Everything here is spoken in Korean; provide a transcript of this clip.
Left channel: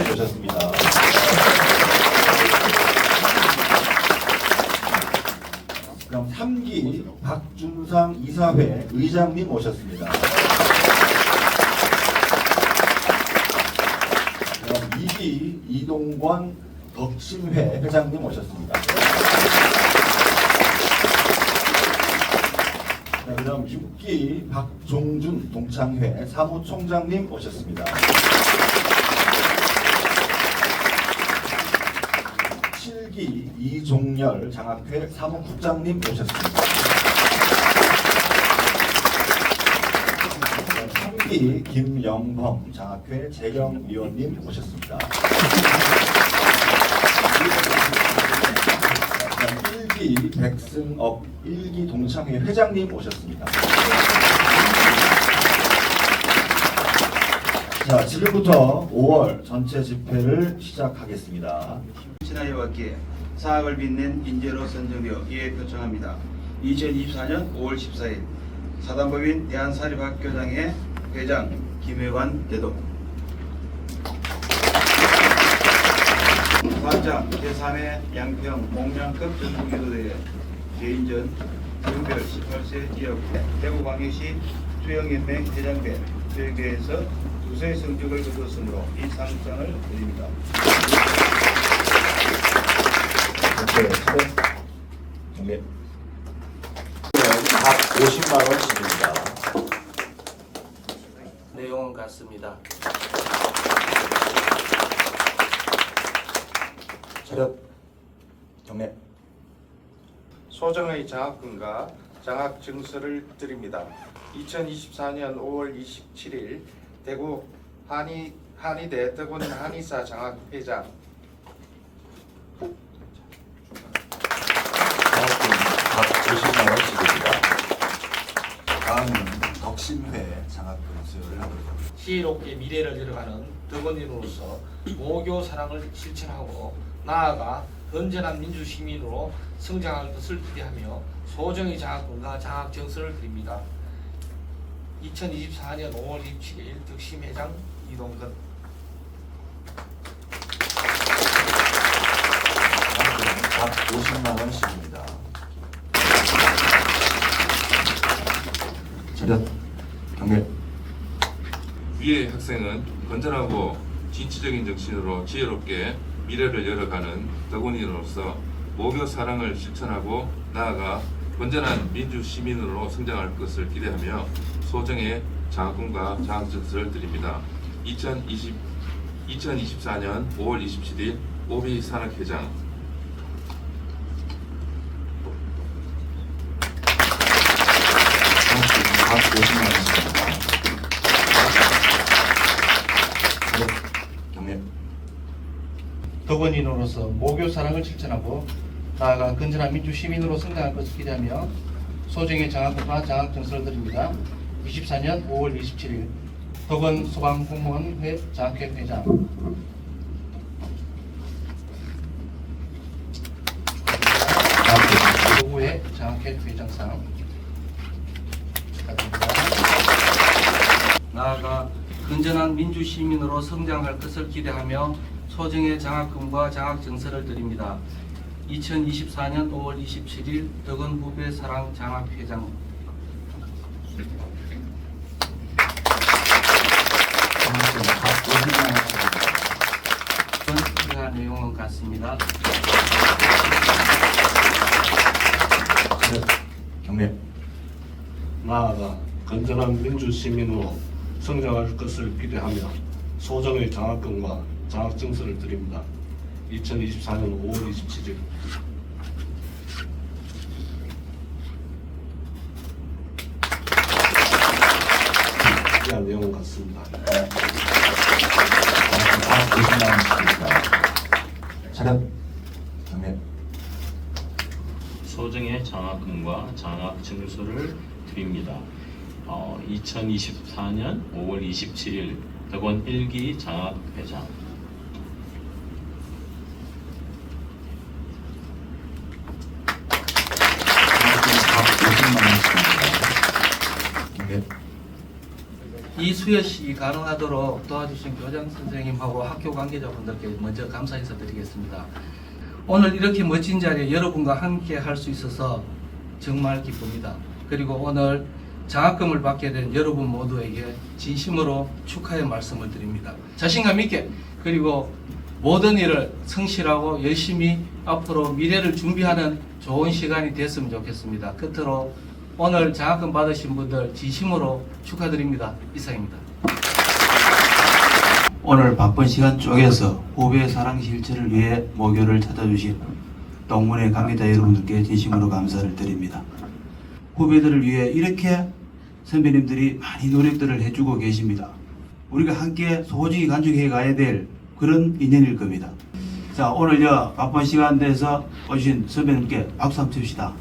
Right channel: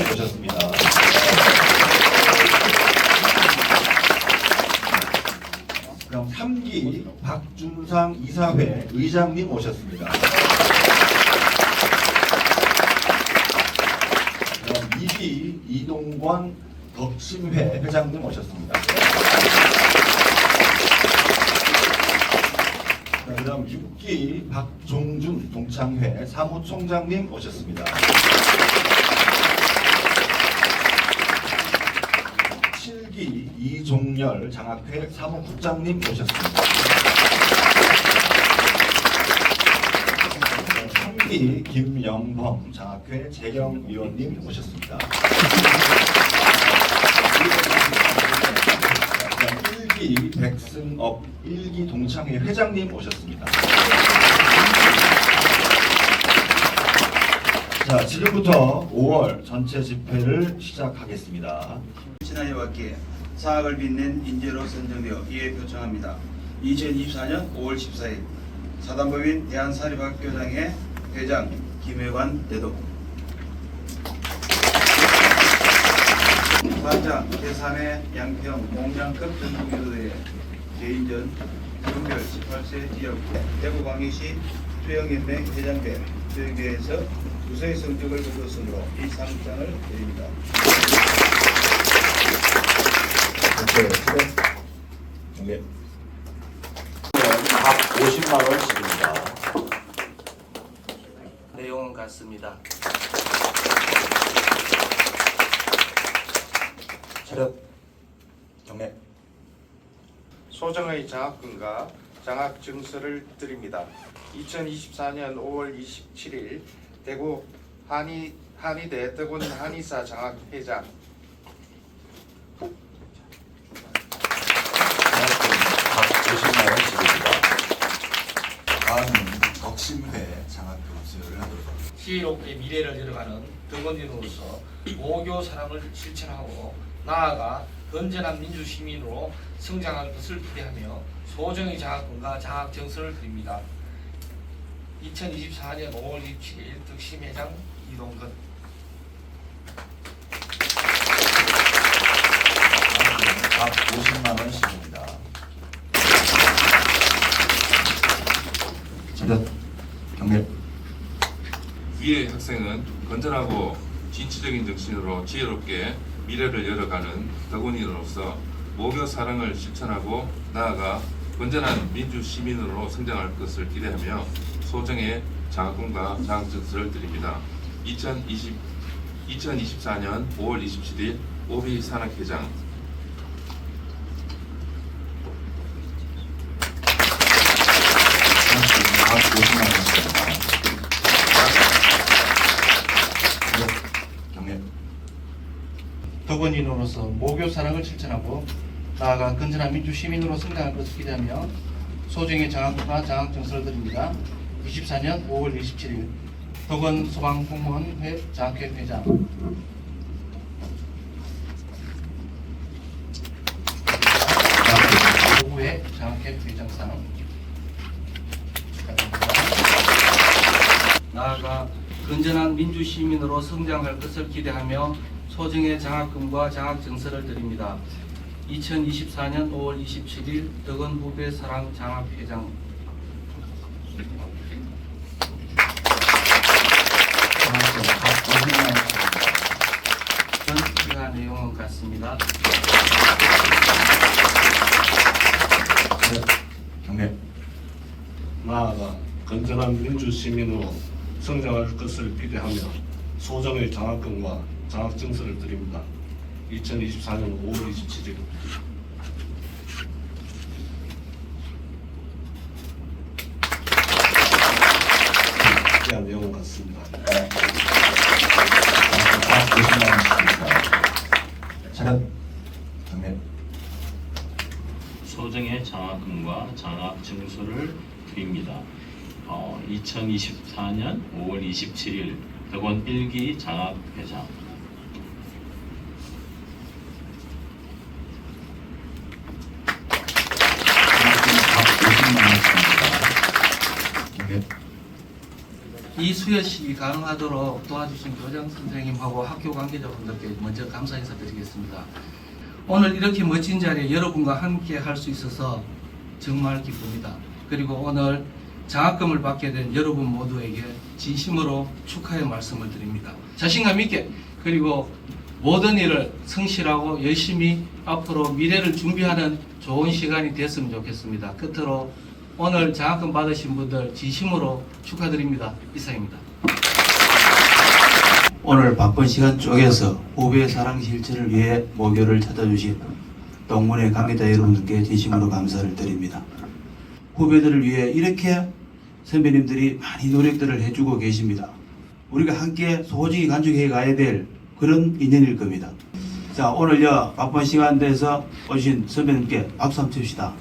오셨습니다. 그럼 3기 박준상 이사회 의장님 오셨습니다. 그럼 2기 이동관 덕심회 회장님 오셨습니다. 자, 그럼 6기 박종준 동창회 사무총장님 오셨습니다. 7기 이종열 장학회 사무국장님 오셨습니다. 3기 김영범 장학회 재경위원님 오셨습니다. 1기 백승업 1기 동창회 회장님 오셨습니다. 자, 지금부터 5월 전체 집회를 시작하겠습니다. 신하여 왔기에 사학을 빛낸 인재로 선정되어 이에 표창합니다. 2024년 5월 14일 사단법인 대한사립학교장의 회장 김혜관 대독 사장 제3회 양평 공장급 전국유도대회 개인전 중별 18세 이었고 대구광역시 수영연맹 회장대 수영대회에서 우수의 성적을 거뒀으므로 이 상장을 드립니다. 각 50만 원씩입니다. 내용은 같습니다. 차렷 경례 소정의 장학금과 장학 증서를 드립니다. 2024년 5월 27일 대구 한의 한의대 대군 한의사 장학 회장 장학금 각 50만 원씩입니다. 다음은 덕심회 장학금 수여를 하도록 하겠습니다. 지혜롭게 미래를 이뤄가는 덕원인으로서 모교 사랑을 실천하고 나아가 건전한 민주 시민으로 성장할 것을 기대하며 소정의 장학금과 장학 정서를 드립니다. 2024년 5월 27일 덕심회장 이동근. 장학금 각 50만 원씩입니다. 차렷 경례 위의 학생은 건전하고 진취적인 정신으로 지혜롭게 미래를 열어가는 덕원인으로서 모교 사랑을 실천하고 나아가 건전한 민주 시민으로 성장할 것을 기대하며 소정의 장학금과 장학증서를 드립니다. 2020, 2024년 5월 27일 오비 산학회장 장학금 각 50만 원씩입니다. 차렷 경례 덕원인으로서 모교 사랑을 실천하고 나아가 건전한 민주 시민으로 성장할 것을 기대하며 소정의 장학금과 장학 증서를 드립니다. 24년 5월 27일 덕원 소방공무원회 장학회 회장 도구회 장학회 회장상. 나아가 건전한 민주 시민으로 성장할 것을 기대하며 소정의 장학금과 장학 증서를 드립니다. 2024년 5월 27일 덕원 후배 사랑 장학 회장 시민으로 성장할 것을 기대하며 소정의 장학금과 장학 증서를 드립니다. 2024년 5월 27일 이한 내용 같습니다. 장학금 각 50만 원씩입니다. 차렷 경례 소정의 장학금과 장학 증서를 드립니다. 어, 2024년 5월 27일 덕원 1기 장학 회장 장학금 각 50만 원씩입니다. 경례 이 수여식이 가능하도록 도와주신 교장 선생님하고 학교 관계자분들께 먼저 감사 인사드리겠습니다. 오늘 이렇게 멋진 자리에 여러분과 함께 할 수 있어서 정말 기쁩니다. 그리고 오늘 장학금을 받게 된 여러분 모두에게 진심으로 축하의 말씀을 드립니다. 자신감 있게 그리고 모든 일을 성실하고 열심히 앞으로 미래를 준비하는 좋은 시간이 됐으면 좋겠습니다. 끝으로 오늘 장학금 받으신 분들 진심으로 축하드립니다. 이상입니다. 오늘 바쁜 시간 쪼개서 후배의 사랑 실천을 위해 모교를 찾아주신 동문회 강의자 여러분들께 진심으로 감사를 드립니다. 후배들을 위해 이렇게 선배님들이 많이 노력들을 해주고 계십니다. 우리가 함께 소중히 간직해 가야 될 그런 인연일 겁니다. 자, 오늘 여 바쁜 시간 내서 오신 선배님께 박수 한번 칩시다.